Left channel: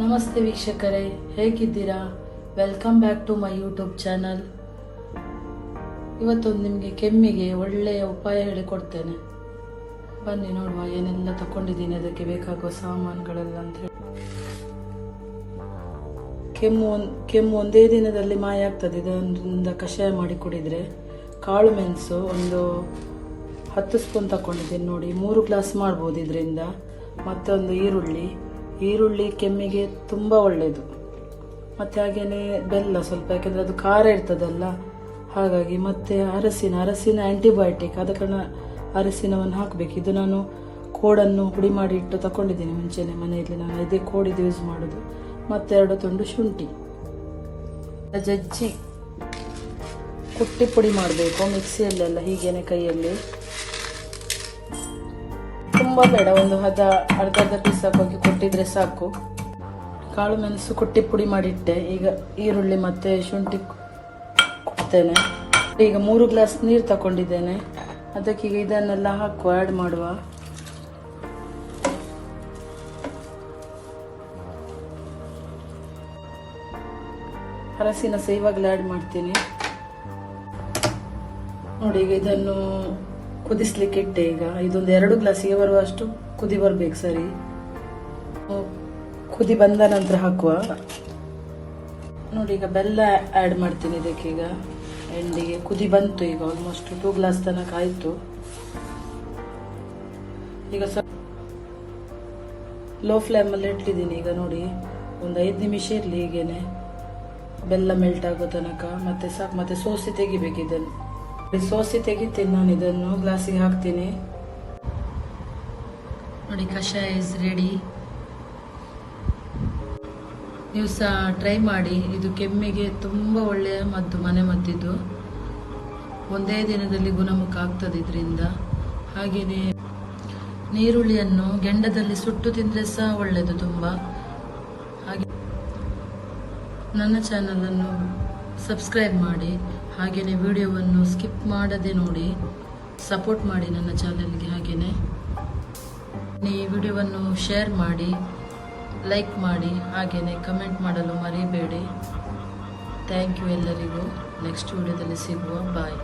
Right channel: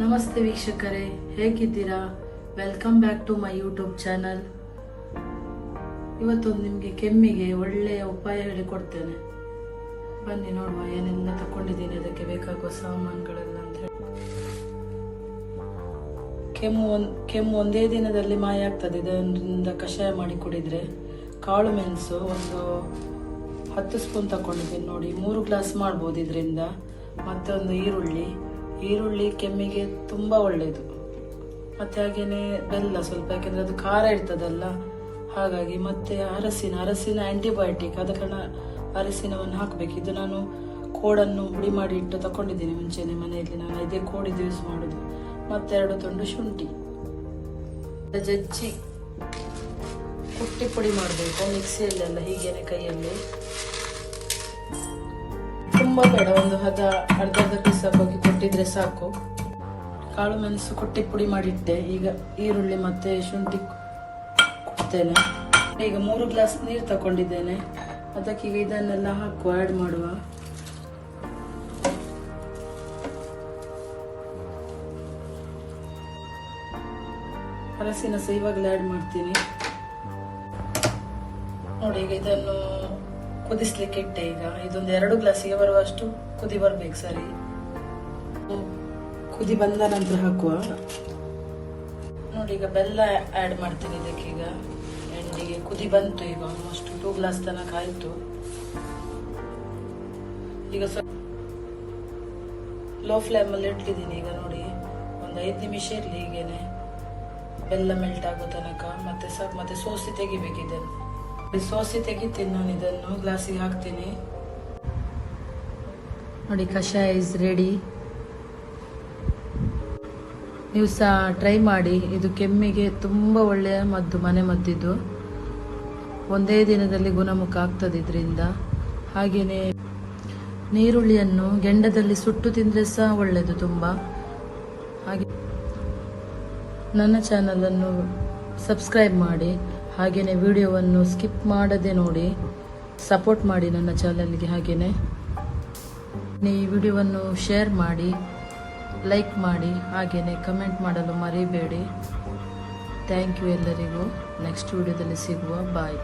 ನಮಸ್ತೆ ವೀಕ್ಷಕರೇ, ಹೇಗಿದ್ದೀರಾ? Welcome back to my YouTube channel ಇವತ್ತು ನಿಮಗೆ ಕೆಮ್ಮಿಗೆ ಒಳ್ಳೆಯ ಉಪಾಯ ಹೇಳಿಕೊಡ್ತೇನೆ. ಬನ್ನಿ ನೋಡುವ ಏನೆಲ್ಲ ತಗೊಂಡಿದ್ದೀನಿ ಅದಕ್ಕೆ ಬೇಕಾಗುವ ಸಾಮಾನುಗಳೆಲ್ಲ ಅಂತ ಹೇಳಿ. ಕೆಮ್ಮು ಕೆಮ್ಮು ಒಂದೇ ದಿನದಲ್ಲಿ ಮಾಯ ಆಗ್ತದೆ, ಇದರಿಂದ ಕಷಾಯ ಮಾಡಿ ಕುಡಿದ್ರೆ. ಕಾಳು ಮೆಣಸು ಒಂದು ಹತ್ತು ಸ್ಪೂನ್ ತಗೊಂಡಿದ್ದೀನಿ ನೋಡಿ, ಮೂರು ಗ್ಲಾಸ್ ಮಾಡ್ಬೋದು ಇದರಿಂದ. ಮತ್ತೊಂದು ಈರುಳ್ಳಿ. ಈರುಳ್ಳಿ ಕೆಮ್ಮಿಗೆ ತುಂಬ ಒಳ್ಳೆಯದು ಮತ್ತೆ ಹಾಗೆಯೇ ಬೆಲ್ಲ ಸ್ವಲ್ಪ, ಯಾಕೆಂದ್ರೆ ಅದು ಖಾರ ಇರ್ತದಲ್ಲ, ಹಾಗಾಗಿ ಮತ್ತೆ ಅರಸಿನ ಅರಸಿನ ಆ್ಯಂಟಿಬಯೋಟಿಕ್ ಆದ ಕಾರಣ ಅರಸಿನವನ್ನು ಹಾಕಬೇಕು. ಇದು ನಾನು ಕೋಡನ್ನು ಹುಡಿ ಮಾಡಿ ಇಟ್ಟು ತಗೊಂಡಿದ್ದೀನಿ ಮುಂಚೆನೆ ಮನೆಯಲ್ಲಿ. ನಾನು ಇದೇ ಕೋಡಿದ್ದು ಯೂಸ್ ಮಾಡೋದು. ಮತ್ತೆ ಎರಡು ತುಂಡು ಶುಂಠಿ. ಜಜ್ಜಿ. ಕುಟ್ಟಿ ಪುಡಿ ಮಾಡಬೇಕು. ಮಿಕ್ಸಿಯಲ್ಲೆಲ್ಲ ಹೀಗೇನೆ ಕೈಯಲ್ಲಿ. ತುಂಬಾ ಬೇಡ. ಒಂದು ಹದ ಅರ್ಧ ಅರ್ಧ ಪೀಸ್ ಹಾಕಿ ಕೊಟ್ಟಿದ್ರೆ ಸಾಕು. ಕಾಳು ಮೆಣಸು ಕೊಟ್ಟಿ ಪುಡಿ ಮಾಡಿಟ್ಟೆ. ಈಗ ಈರುಳ್ಳಿ ಮತ್ತೆ ಶುಂಠಿ ಕೊಡ್ತೇನೆ ಈಗ ಮೂರು ಗ್ಲಾಸ್ ನೀರು ತಗೊಂಡಿದ್ದೇನೆ ಅದಕ್ಕೆ ಈಗ ಇದನ್ನೆಲ್ಲ ಹಾಕುವ ಆ್ಯಡ್ ಮಾಡುವ. ಹಲಸಿನ ಸಹ ಇವಾಗಲೇ ಆ್ಯಡ್ ಮಾಡ್ತೀನಿ. ನೋಡಿ, ಈಗ ಇದನ್ನು ಕುದಿಸ್ಲಿಕ್ಕೆ ಇಟ್ಟೆ ಈಗ. ಇದೊಂದು ಎರಡು ಗ್ಲಾಸಿಗೆ ಬರುವಷ್ಟು ಕುದಿ ಬರ್ಬೇಕು ಸರಿ. ಕುದಿ ಬಂದ ನಂತರ ಹಾಕುವ. ನೋಡಿ, ಈಗ ಬೆಲ್ಲ ಆ್ಯಡ್ ಮಾಡ್ತೀನಿ ಇದಕ್ಕೆ ಈಗ. ಎಣ್ಣೆಗೆ ಕುದಿ ಬಂತು ಈಗ ಆಲ್ಮೋಸ್ಟ್ ಟೂ ಗ್ಲಾಸ್ ತನಕ ಆಯಿತು. ಈಗ ಸ್ವಲ್ಪ ಲೋ ಫ್ಲೇಮಲ್ಲಿ ಇಟ್ಟಿದ್ದೀನಿ ಈಗ ನೋಡಿ. ಒಂದು ಐದು ನಿಮಿಷ ಇರಲಿ ಹೀಗೇನೆ. ಬೆಲ್ಲ ಮೆಲ್ಟ್ ಆಗೋ ತನಕ. ಮತ್ತೆ ಸಾಕು ಮತ್ತೆ ಸೋಸಿ ತೆಗಿಬೇಕು ಸೋಸಿ ತೆಗಿತೀನಿ ನಾನು ಇದನ್ನು ಗ್ಲಾಸಿಗೆ ಹಾಕ್ತೀನಿ ನೋಡಿ, ಕಷಾಯ ಇಸ್ ರೆಡಿ ನೀವು ಸಹ ಟ್ರೈ ಮಾಡಿ. ಇದು ಕೆಮ್ಮಿಗೆ ತುಂಬ ಒಳ್ಳೆಯ ಮದ್ದು, ಮನೆ ಮದ್ದಿದ್ದು. ಒಂದೇ ದಿನದಲ್ಲಿ ಗುಣಮುಖ ಆಗ್ತದೆ ಇದರಿಂದ ಹಾಗೆಯೇ ನೀರುಳ್ಳಿಯನ್ನು ಗೆಂಡದಲ್ಲಿ ಸುಟ್ಟು ತಿಂದರೆ ಸಹ ಒಳ್ಳೆಯದು ತುಂಬ. ಹಾಗೆ ನನ್ನ ಚಾನಲನ್ನು ಸಬ್ಸ್ಕ್ರೈಬ್ ಮಾಡಿ. ಹಾಗೆಯೇ ವಿಡಿಯೋವನ್ನು ಸ್ಕಿಪ್ ಮಾಡದೆ ನೋಡಿ ಸಪೋರ್ಟ್ ಮಾಡಿ ನನ್ನ ಚಾನಲ್ಗೆ ಹಾಗೆಯೇ ಈ ವಿಡಿಯೋವನ್ನು ಶೇರ್ ಮಾಡಿ ಲೈಕ್ ಮಾಡಿ ಹಾಗೆಯೇ ಕಮೆಂಟ್ ಮಾಡಲು ಮರಿಬೇಡಿ. ಥ್ಯಾಂಕ್ ಯು ಎಲ್ಲರಿಗೂ. ನೆಕ್ಸ್ಟ್ ವಿಡಿಯೋದಲ್ಲಿ ಸಿಗುವ ಬಾಯ್